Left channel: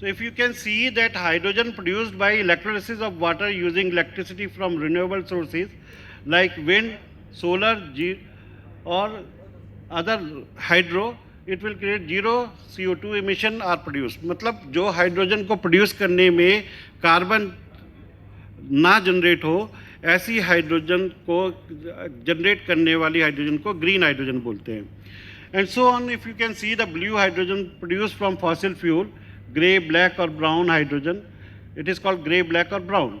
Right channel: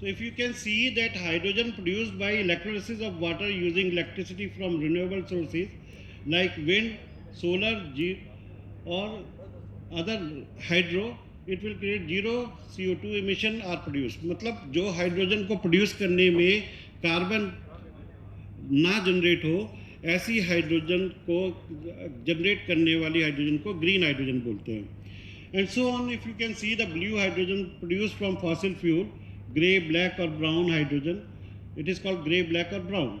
So if you can see that hydrogen produced by electrolysis of water using electricity from renewable sources like wind, solar, or other hydro, it will create zero CO2 emission are produced. मतलब जो hydrogen को produce करने में carbon ना generate हो, ऐसी hydrogen को generate करने वाली हाइड्रोजन को ग्रीन हाइड्रोजन बोलते हैं. And so on, if you can see the blue hydrogen produced from fossil fuel, gray, black or brown hydrogen, it is called gray, black or brown.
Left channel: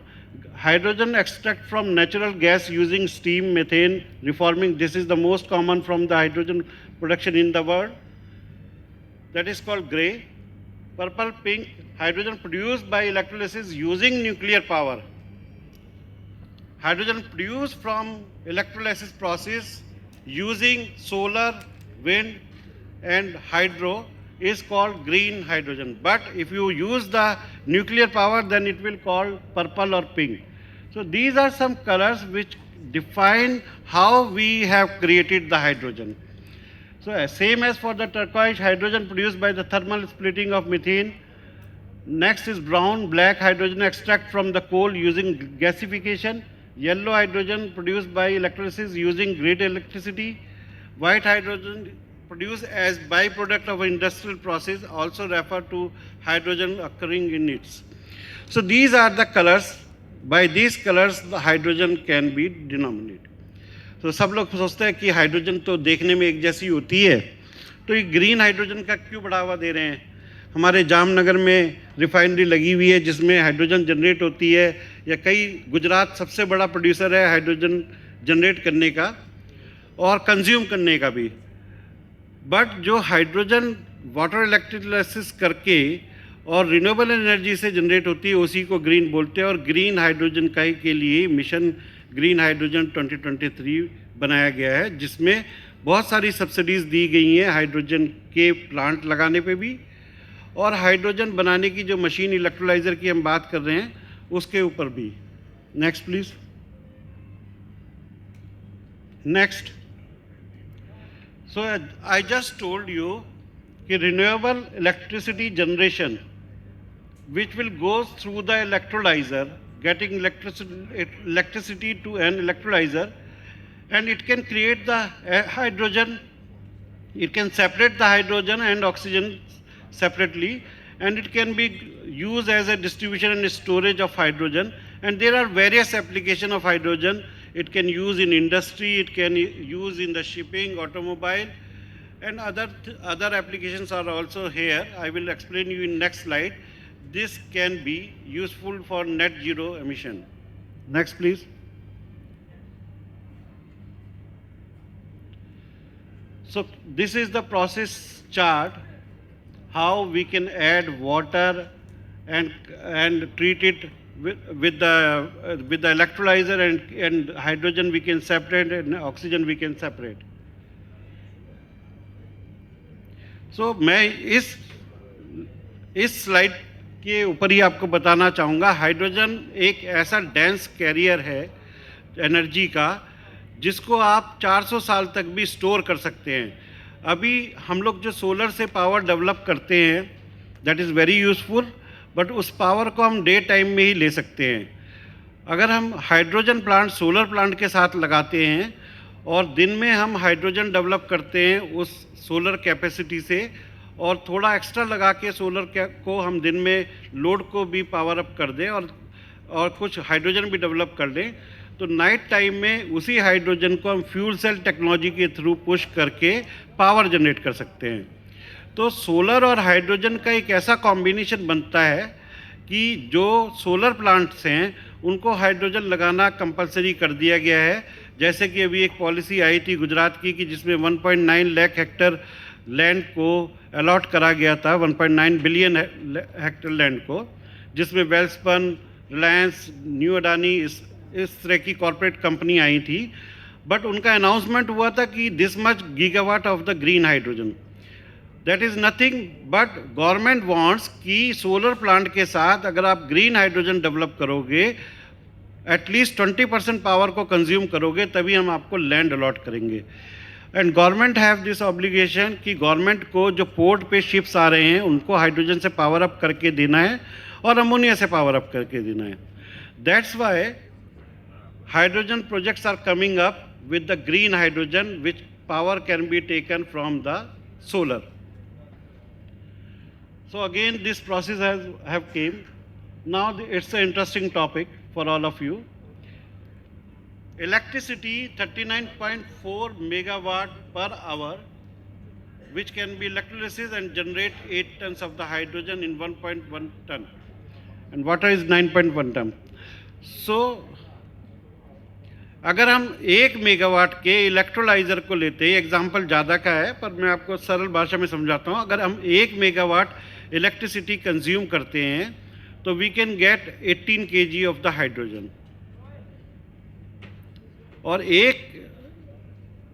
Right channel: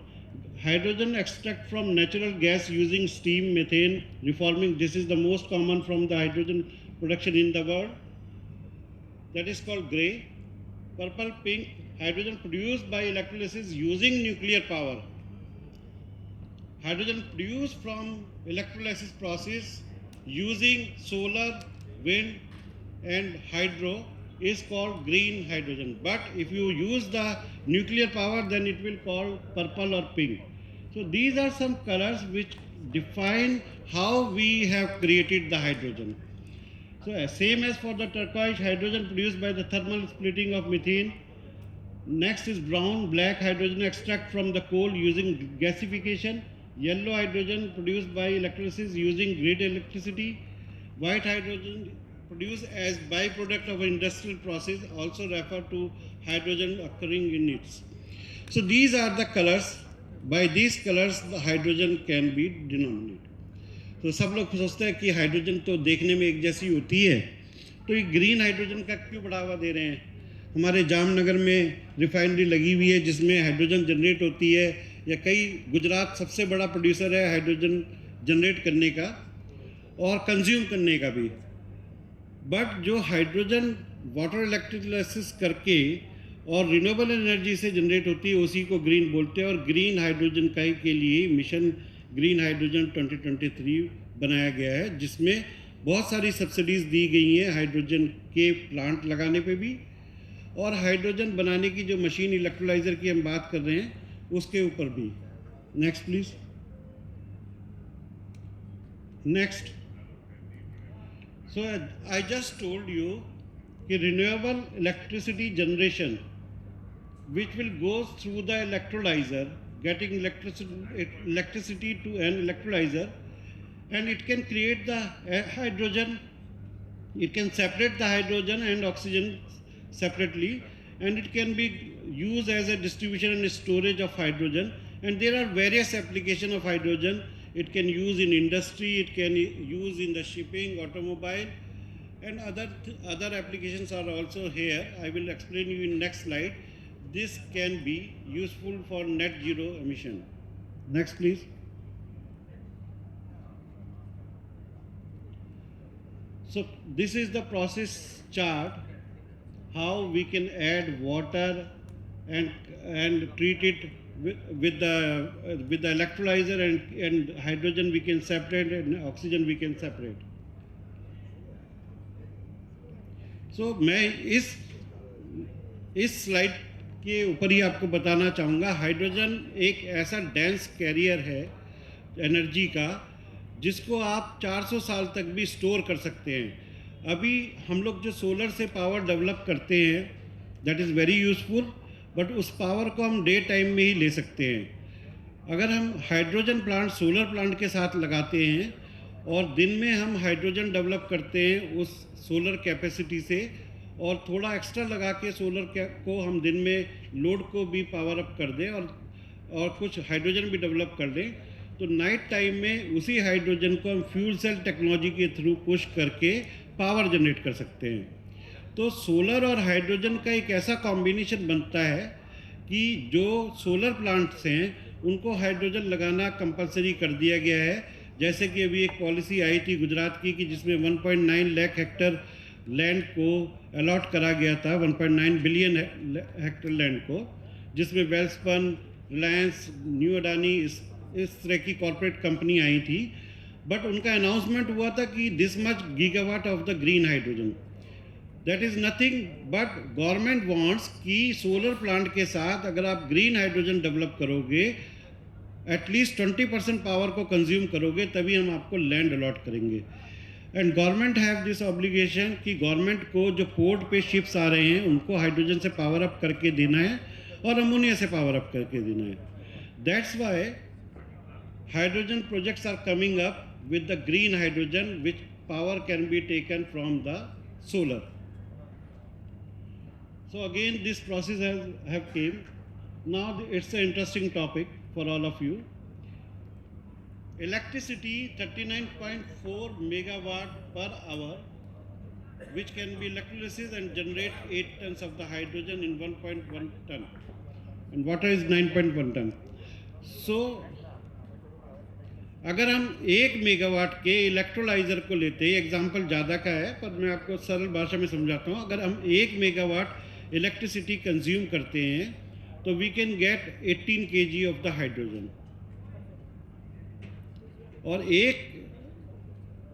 Hydrogen extract from natural gas using steam, methane, reforming, this is the most common from the hydrogen production in the world. That is called gray. Purple, pink, hydrogen produced by electrolysis using nuclear power. Hydrogen produced from electrolysis process using solar, wind and hydro is called green hydrogen. But if you use the nuclear power, then it will call purple or pink. So these are some colors which define how we have created the hydrogen. So same as for the turquoise, hydrogen produced by the thermal splitting of methane. Next is brown, black hydrogen extract from the coal using gasification. Yellow hydrogen produced by electrolysis using grid electricity. White hydrogen produced as byproduct of an industrial process, also refer to hydrogen occurring in it. So these are the colors. By these colors the hydrogen can be denominated. तो सब लोग सोचते हैं कि hydrogen तो देखने में एक जैसी होती है, तो ये ग्रीन हाइड्रोजन का क्यों बढ़ावा दे रहे हैं. हमारे जामनगर में रिफाइनरी लगी हुई है जिसमें हाइड्रोजन जनरेट होती है, या कई गुजरात सबसे बड़ा प्रोड्यूसर है हाइड्रोजन जनरेट करने का और कंज्यूम करने का भी. बट जो हाइड्रोजन वाटर इलेक्ट्रोलाइसिस करके और रिन्यूएबल एनर्जी से जनरेट होती है उसी को ग्रीन बोलते हैं. और ग्रीन हाइड्रोजन का के लिए मिशन ग्रीन हाइड्रोजन 2023 बनाया गया है, जिसमें बहुत सारी सब्सिडीज़ दी गई हैं हाइड्रोजन के प्लांट लगाने पे भी, और हाइड्रोजन बनाने की जो मशीन इलेक्ट्रोलाइज़र की हम बात कर रहे हैं उसके ऊपर भी. Next please. Next. So I just told you कि renewable electricity generation which will go through the electrolyzer, getting electricity to an electrolyzer, and it can create the hydrogen, it can separate the hydrogen and oxygen separately, and it can be used as a distribution and storage of hydrogen. And there are various applications of hydrogen. It can use in industry, it can use in the shipping, automobile, and other applications are also here. I will explain you in next slide. This can be useful for net zero emission. Next, please. So this is the process chart, how we can add water and treat it with the electrolyzer, and hydrogen we can separate and oxygen we can separate. So मैं इस slide के ऊपर ही आपको बताना चाहूँगा, hydrogen एक ऐसा dense career है एनर्जी का जिसको आप 400 साल तक भी स्टोर कर सकते हैं. अभी हम लोग जो सोलर से पावर डेवलप करते हैं that is very useful, but उस पावर को हम डे टाइम में ही ले सकते हैं. अगर हम हाइड्रोजन प्लांट सोलर प्लांट के साथ लगाते हैं और दिन में हम हाइड्रोजन डेवलप करते हैं उस सोलर कैपेसिटी से, और थोड़ा एक्स्ट्रा लगा के सोलर को हम दिन में लोड को भी पावर अप कर दें और कुछ हाइड्रोजन भी डेवलप कर दें, तो नाइट टाइम में उसी हाइड्रोजन को हम फ्यूल सेल टेक्नोलॉजी के थ्रू पुश करके पावर जनरेट कर सकते हैं. तो सोलर और हाइड्रोजन का एक ऐसा कॉम्बिनेशन बनता है कि जो सोलर प्लांट्स हैं उनको हाइड्रोजन लगाना कंपलसरी कर दिया गया है. जैसे कि अभी एक पॉलिसी आई थी गुजरात की कि जिसमें 1.9 लाख हेक्टर लैंड को अलॉट करा गया था, 1.9 बिलियन हेक्टर लैंड को, जिसमें वेल्सपन, रिलायंस, न्यू अडानी इस तरह की कॉरपोरेट कंपनी आई थी. बट उनका अनाउंसमेंट हुआ था कि this much gigawatt of the green hydrogen. That is nothing but government wants कि सोलर प्लांट के साथ अगर आप ग्रीन हाइड्रोजन डेवलप करोगे, एटलीस्ट 20% पावर को कंज्यूम करोगे, तभी हम आपको लैंड अलॉट करेंगे. And government have this obligation कि गवर्नमेंट को जो पोर्ट पे शिप्स आ रहे हैं उनको हाइड्रोजन से पावर अप करके देना है और अमोनिया से पावर अप करके देना है. That's why hydrogen projects are coming up with the green hydrogen which power can be taken from the solar. So again this process have came. Now it's an interesting topic for all of you. Electricity 39.4 megawatt per hour which can be electrolysis and generate 8 tons of the hydrogen in 1.1 ton. And water is 9.1 ton. So अगर हम 1 megawatt के electrolyser को लेते हैं, example ज़्यादा का है पर मैं आपको सरल भाषा में समझाता हूँ. अगर हम 1 मेगावाट इलेक्ट्रिसिटी कंज्यूम करते हैं तो we can get 18 kg of the hydrogen. और एक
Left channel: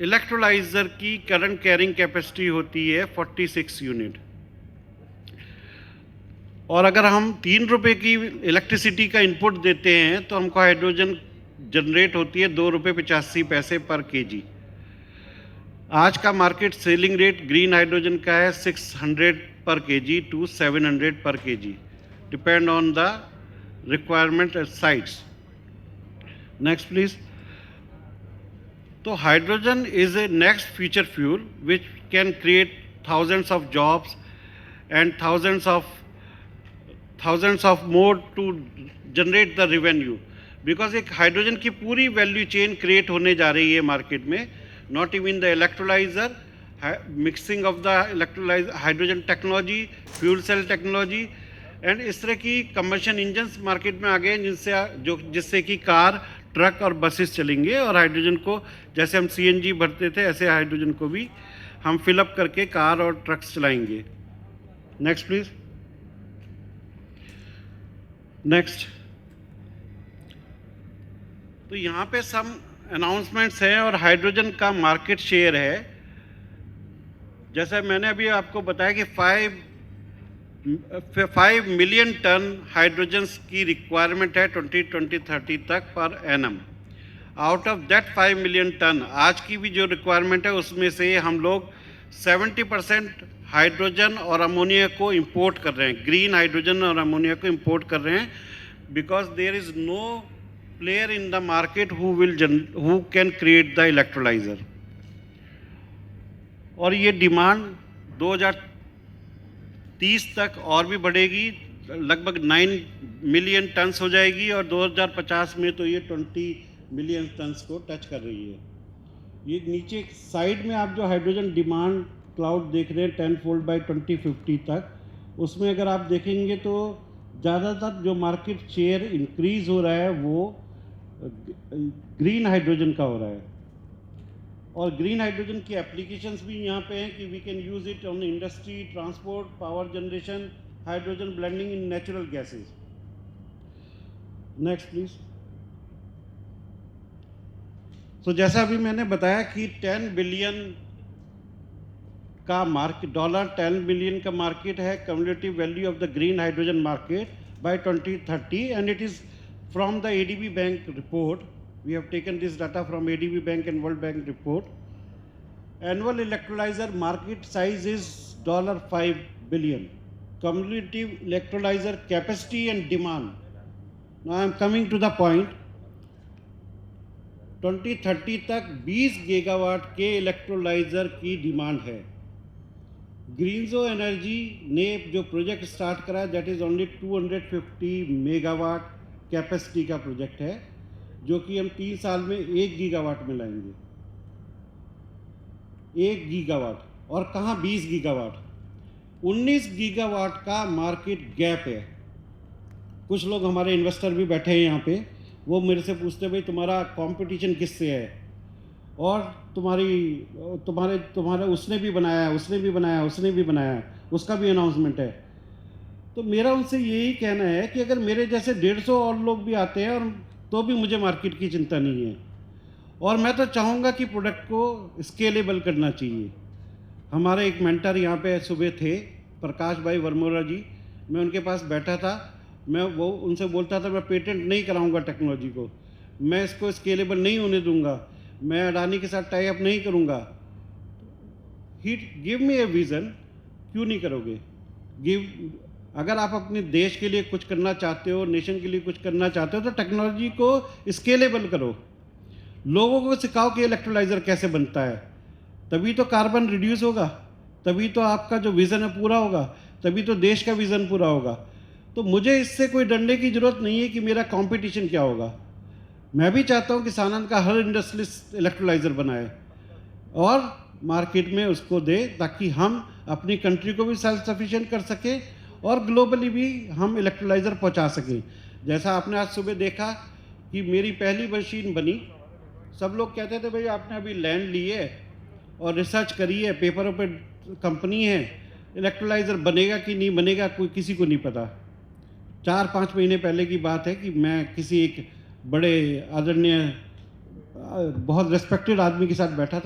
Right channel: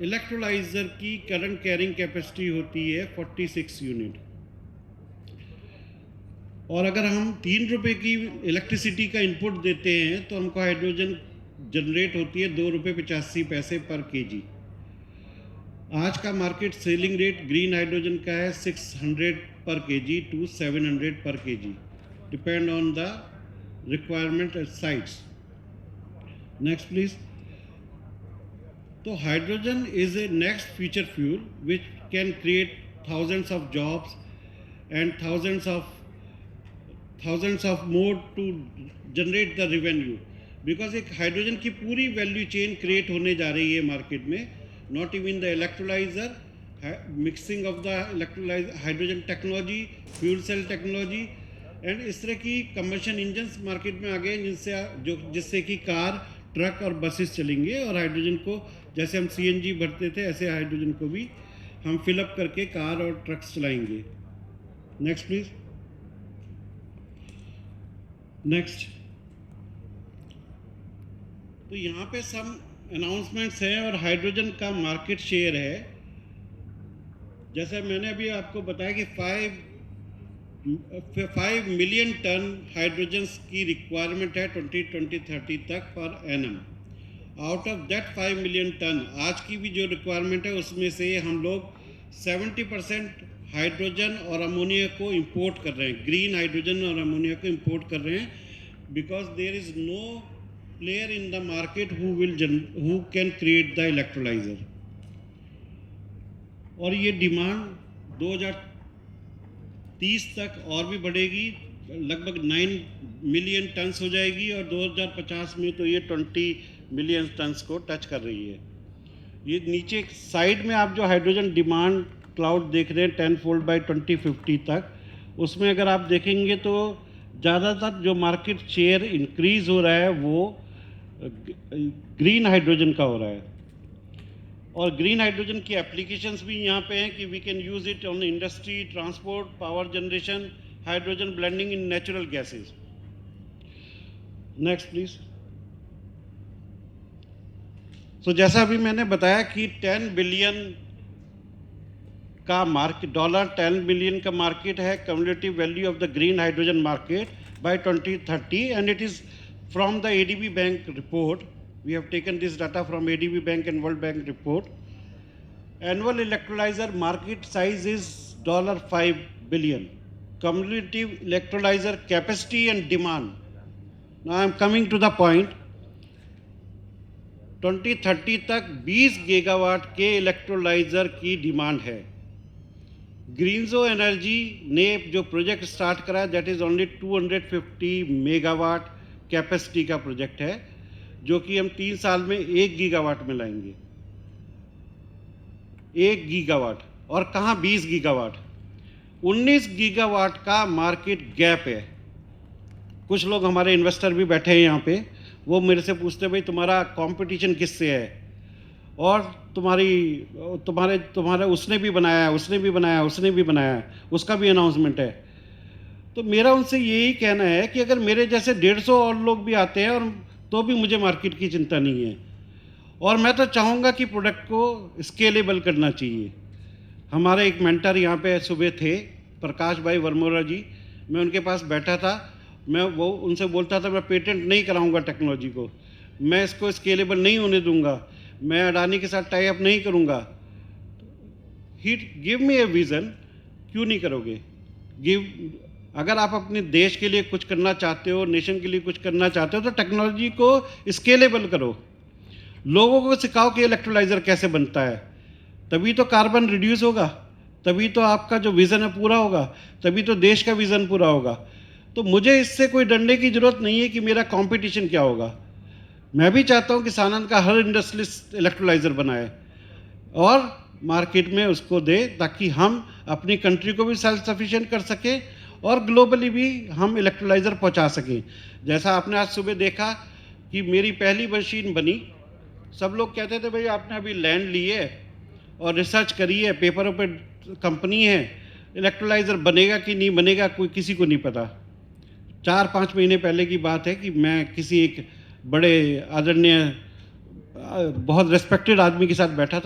इलेक्ट्रोलाइज़र की करंट कैरिंग कैपेसिटी होती है 46 यूनिट. और अगर हम 3 रुपये की इलेक्ट्रिसिटी का इनपुट देते हैं तो हमको हाइड्रोजन जनरेट होती है 2 रुपये 85 पैसे पर केजी. आज का market selling rate green hydrogen का है 600 per KG to 700 per KG, depend on the requirement sites. Next please. तो hydrogen is a next future fuel which can create thousands of jobs and thousands of more to generate the revenue. Because एक hydrogen की पूरी value chain create होने जा रही है market में. Not even the electrolyser, mixing of the electrolyser, hydrogen technology, fuel cell technology and इस तरह की कम्बशन इंजन्स मार्केट में आ गए जिससे कि कार, ट्रक और बसेस चलेंगे. और हाइड्रोजन को जैसे हम CNG भरते थे ऐसे हाइड्रोजन को भी हम फिलअप करके कार और ट्रक्स चलाएंगे. Next please. नेक्स्ट. तो यहाँ पे सम अनाउंसमेंट्स हैं और हाइड्रोजन का मार्केट शेयर है. जैसे मैंने अभी आपको बताया कि 5 मिलियन टन हाइड्रोजन की रिक्वायरमेंट है 2030 तक per annum. Out of that 5 million ton आज की भी जो रिक्वायरमेंट है उसमें से हम लोग 70% हाइड्रोजन और अमोनिया को इंपोर्ट कर रहे हैं. ग्रीन हाइड्रोजन और अमोनिया को इंपोर्ट कर रहे हैं because there is no player in the market who can create the electrolyzer. और ये डिमांड 2030 तक और भी बढ़ेगी, लगभग 9 मिलियन टन्स हो जाएगी और 2050 में तो ये 20 मिलियन टन्स को टच कर रही है. ये नीचे साइड में आप जो हाइड्रोजन डिमांड क्लाउड देख रहे हैं 10-fold by 2050 तक, उसमें अगर आप देखेंगे तो ज़्यादातर जो मार्केट शेयर इंक्रीज हो रहा है वो ग्रीन हाइड्रोजन का हो रहा है. और ग्रीन हाइड्रोजन की एप्लीकेशंस भी यहाँ पे हैं कि we can use it on industry, transport, power generation, hydrogen blending in natural gases. Next please. So जैसा अभी मैंने बताया कि 10 बिलियन का मार्केट, $10 बिलियन का मार्केट है cumulative value of the green hydrogen market by 2030 and it is from the ADB Bank report. We have taken this data from ADB Bank and World Bank report. Annual electrolyzer market size is $5 billion. Cumulative electrolyzer capacity and demand. Now I am coming to the point. 2030 तक 20 gigawatt के electrolyser की demand है. ग्रीनजो energy ने जो project start करा that is only 250 megawatt capacity का project है जो कि हम 3 साल में 1 गीगावाट में लाएंगे. 1 गीगावाट और कहाँ 20 गीगावाट. 19 गीगावाट का मार्केट गैप है. कुछ लोग हमारे इन्वेस्टर भी बैठे हैं यहाँ पे, वो मेरे से पूछते भाई तुम्हारा कंपटीशन किससे है और तुम्हारे उसने भी बनाया, उसने भी बनाया, उसका भी अनाउंसमेंट है. तो मेरा उनसे यही कहना है कि अगर मेरे जैसे 150 और लोग भी आते हैं और तो भी मुझे मार्केट की चिंता नहीं है. और मैं तो चाहूँगा कि प्रोडक्ट को स्केलेबल करना चाहिए. हमारे एक मेंटर यहाँ पे सुबह थे, प्रकाश भाई वर्मोरा जी. मैं उनके पास बैठा था, मैं उनसे बोलता था मैं पेटेंट नहीं कराऊंगा टेक्नोलॉजी को, मैं इसको स्केलेबल नहीं होने दूंगा, मैं अडानी के साथ टाई अप नहीं करूंगा. गिव मी ए विज़न, क्यों नहीं करोगे? अगर आप अपने देश के लिए कुछ करना चाहते हो, नेशन के लिए कुछ करना चाहते हो, तो टेक्नोलॉजी को स्केलेबल करो, लोगों को सिखाओ कि इलेक्ट्रोलाइज़र कैसे बनता है, तभी तो कार्बन रिड्यूस होगा, तभी तो आपका जो विज़न है पूरा होगा, तभी तो देश का विज़न पूरा होगा। तो मुझे इससे कोई डरने की ज़रूरत नहीं है कि मेरा कंपटीशन क्या होगा। मैं भी चाहता हूँ कि सानंद का हर इंडस्ट्रियलिस्ट इलेक्ट्रोलाइज़र बनाए और मार्केट में उसको दे, ताकि हम अपनी कंट्री को भी सेल्फ सफिशिएंट कर सकें और ग्लोबली भी हम इलेक्ट्रोलाइज़र पहुंचा सकें। जैसा आपने आज सुबह देखा कि मेरी पहली मशीन बनी, सब लोग कहते थे भाई आपने अभी लैंड ली है और रिसर्च करी है, पेपरों पे कंपनी है, इलेक्ट्रोलाइज़र बनेगा कि नहीं बनेगा कोई किसी को नहीं पता। 4-5 महीने पहले की बात है कि मैं किसी एक बड़े आदरणीय बहुत रिस्पेक्टेड आदमी के साथ बैठा था।